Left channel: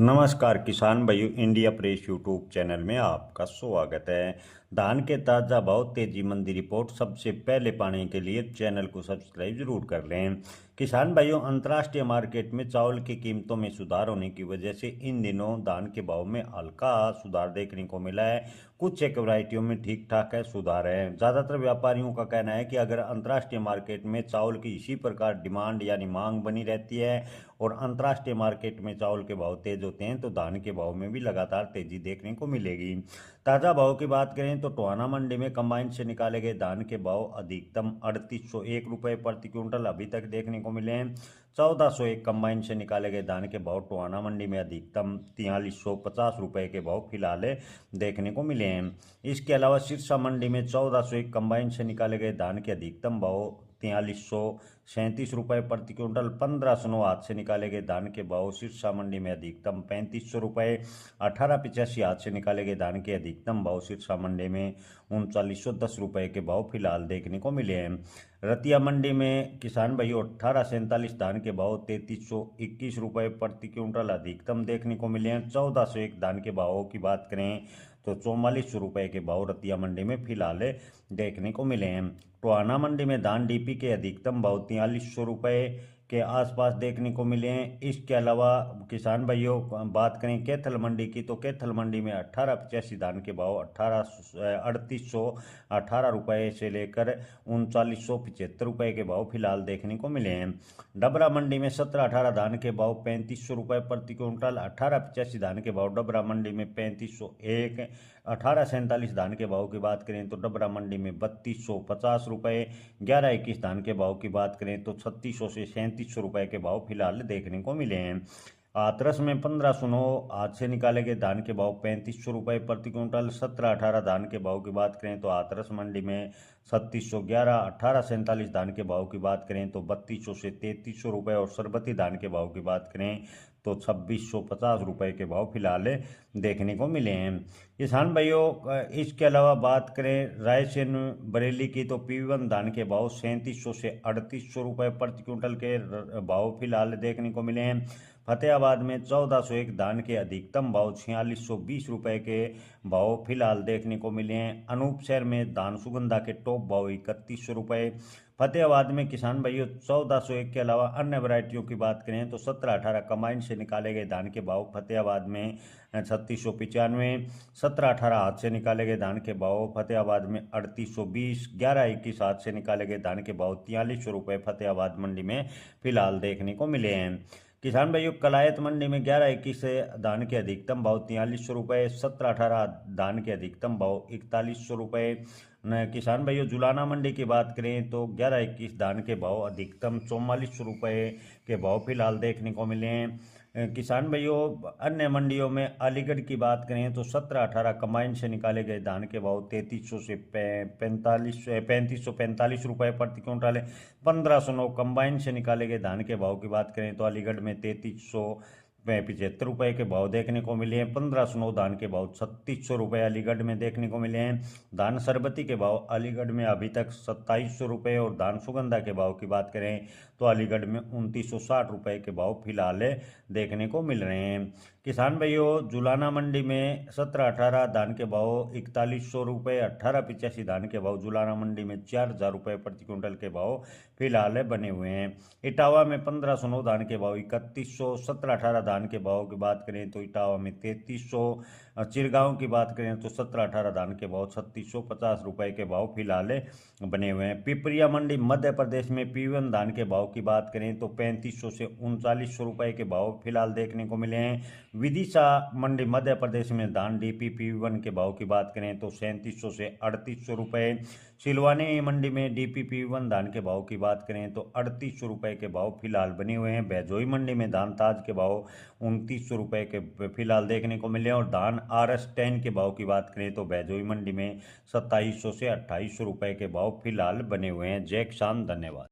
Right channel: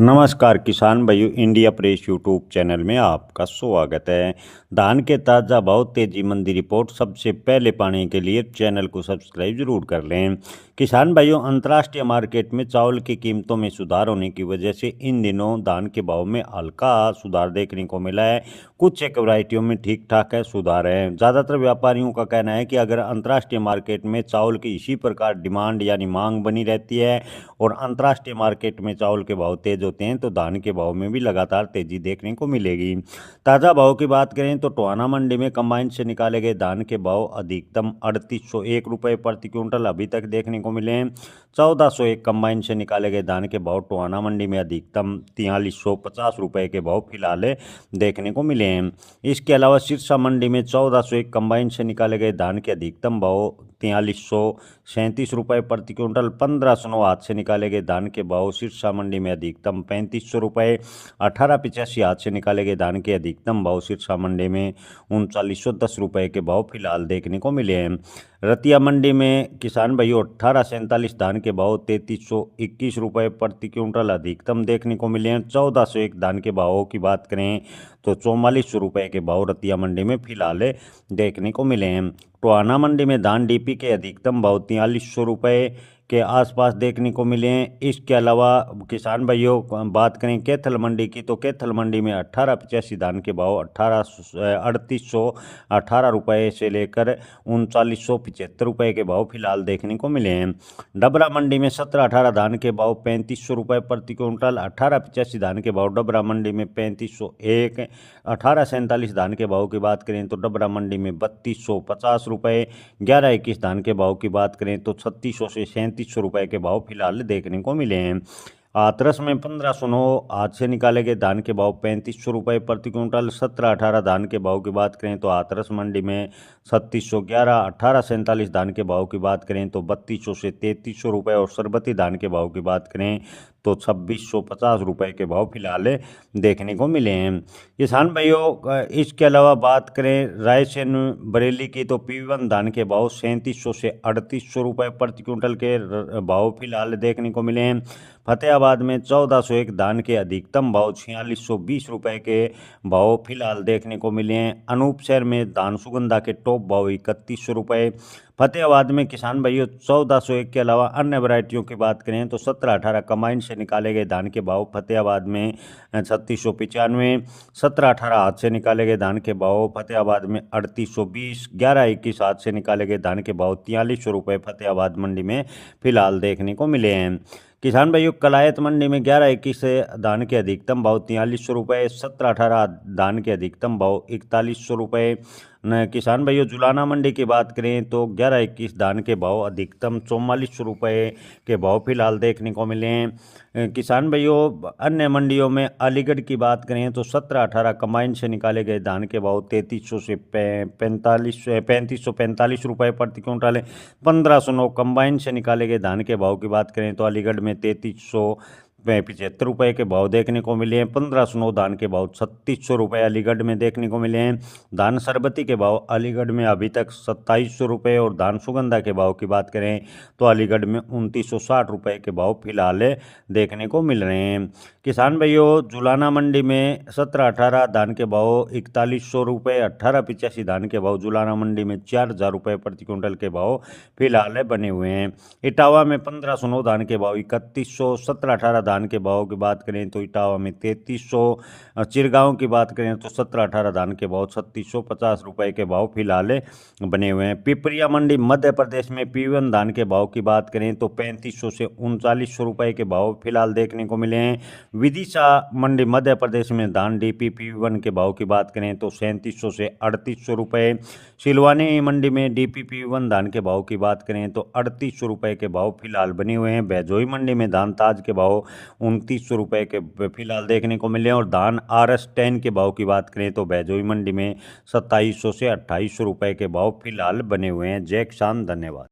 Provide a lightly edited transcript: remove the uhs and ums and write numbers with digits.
नमस्कार किसान भाइयों, इंडिया प्रेस यूट्यूब चैनल में आपका स्वागत है। धान के ताज़ा भाव तेजी मंदी रिपोर्ट सबसे पहले पाने के लिए चैनल को सब्सक्राइब जरूर कर लें। किसान भाइयों, अंतर्राष्ट्रीय मार्केट में चावल की कीमतों में सुधार होने की वजह से इन दिनों धान के भाव में हल्का सुधार देखने को मिला है। कुछ एक वैरायटियों में ठीक ठाक है सुधार है। ज़्यादातर व्यापारियों का कहना है कि अगर अंतर्राष्ट्रीय मार्केट में चावल की इसी प्रकार डिमांड यानी मांग बनी रहती है और अंतर्राष्ट्रीय मार्केट में चावल के भाव तेज होते हैं तो धान के भाव में भी लगातार तेजी देखने को मिलेगी। ताज़ा भाव की बात करें तो टोहाना मंडी में कंबाइन से निकाले गए धान के भाव अधिकतम 3801 रुपये प्रति क्विंटल अभी तक देखने को मिले हैं। 1401 कंबाइन से निकाले गए धान के भाव टोहाना मंडी में अधिकतम 4350 रुपये के भाव फिलहाल देखने को मिले हैं। इसके अलावा सिरसा मंडी में 1401 कंबाइन से निकाले गए धान के अधिकतम भाव 4337 रुपये प्रति क्विंटल, 1509 हाथ से निकाले गए धान के भाव सिरसा मंडी में अधिकतम 3500 रुपये, 1885 हाथ से निकाले गए धान के अधिकतम भाव सिरसा मंडी में 3910 रुपये के भाव फिलहाल देखने को मिले हैं। रतिया मंडी में किसान भाइयों 1847 धान के भाव 3321 रुपये प्रति क्विंटल अधिकतम देखने को मिले हैं। 1401 धान के भावों की बात करें तो 4400 रुपये के भाव रतिया मंडी में फिलहाल देखने को मिले हैं। टोहाना मंडी में धान डीपी के अधिकतम भाव 4300 रुपये के आसपास देखने को मिले हैं। इसके अलावा किसान भाइयों बात करें कैथल मंडी की तो कैथल मंडी में 1885 धान के भाव 3818 रुपये से लेकर 3975 रुपये के भाव फिलहाल देखने को मिले हैं। डबरा मंडी में 1718 धान के भाव 3500 रुपये प्रति क्विंटल, 1885 धान के भाव डबरा मंडी में 3501, 1847 धान के भाव की बात करें तो डबरा मंडी में 3250 रुपये, 1121 धान के भाव की बात करें तो 3600 से 3700 रुपये के भाव फिलहाल देखने को मिले हैं। हाथरस में 1509 हाथ से निकाले गए धान के भाव 3500 रुपये प्रति क्विंटल, 1718 धान के भाव की बात करें तो हाथरस मंडी में 3611, 1847 धान के भाव की बात करें तो 3200 से 3300 रुपये और सरबती धान के भाव की बात करें तो 2650 रुपये के भाव फिलहाल देखने को मिले हैं। किसान भाइयों इसके अलावा बात करें रायसेन बरेली की तो P1 धान के भाव 3700 से 3800 रुपये प्रति क्विंटल के भाव फिलहाल देखने को मिले हैं। फतेहाबाद में 1401 धान के अधिकतम भाव 4620 रुपये के भाव फिलहाल देखने को मिले हैं। अनूप शहर में धान सुगंधा के टॉप भाव 3100 रुपये। फतेहाबाद में किसान भाइयों 1401 के अलावा अन्य वैरायटियों की बात करें तो 1718 कंबाइन से निकाले गए धान के भाव फतेहाबाद में 3695, 1718 हाथ से निकाले गए धान के भाव फतेहाबाद में 3820, 1121 हाथ से निकाले गए धान के भाव 4300 रुपये फतेहाबाद मंडी में फिलहाल देखने को मिले हैं। किसान भाइयों कलायत मंडी में 1121 धान के अधिकतम भाव 4300 रुपये, 1718 धान के अधिकतम भाव 4100 रुपये। किसान भाइयों जुलाना मंडी की बात करें तो 1121 धान के भाव अधिकतम 4400 रुपये के भाव फिलहाल देखने को मिले हैं। किसान भाइयों अन्य मंडियों में अलीगढ़ की बात करें तो 1718 कंबाइन से निकाले गए धान के भाव 3300 से 3545 रुपये प्रति क्विंटल, 1509 कंबाइन से निकाले गए धान के भाव की बात करें तो अलीगढ़ में 3375 रुपये के भाव देखने को मिले हैं। 1509 धान के भाव 3600 रुपये अलीगढ़ में देखने को मिले हैं। धान सरबती के भाव अलीगढ़ में अभी तक 2700 रुपये और धान सुगंधा के भाव की बात करें तो अलीगढ़ में 2960 रुपये के भाव फिलहाल देखने को मिल रहे हैं। किसान भाइयों जुलाना मंडी में 1718 धान के भाव 4100 रुपये, 1885 धान के भाव जुलाना मंडी में 4000 रुपये प्रति क्विंटल के भाव फिलहाल बने हुए हैं। इटावा में 1509 धान के भाव 3100, 1718 धान के भाव की बात करें तो इटावा में 3300, चिरगांव की बात करें तो 1718 धान के भाव 3650 रुपये के भाव फिलहाल बने हुए हैं। पिपरिया मंडी मध्य प्रदेश में P1 धान के भाव की बात करें तो 3500 से 3900 रुपये के भाव फिलहाल देखने को मिले हैं। विदिशा मंडी मध्य प्रदेश में धान डीपी P1 के भाव की बात करें तो 3700 से 3800 रुपये। सिलवानी मंडी में डीपी P1 धान के भाव की बात करें तो 3800 रुपये के भाव फिलहाल बने हुए हैं। बैजोई मंडी में धान ताज के भाव 2900 रुपये के फिलहाल देखने को मिले और धान RS 10 के भाव की बात करें तो बैजोई मंडी में 2700 से 2800 रुपये के भाव फिलहाल बने हुए हैं। जय किसान, धन्यवाद।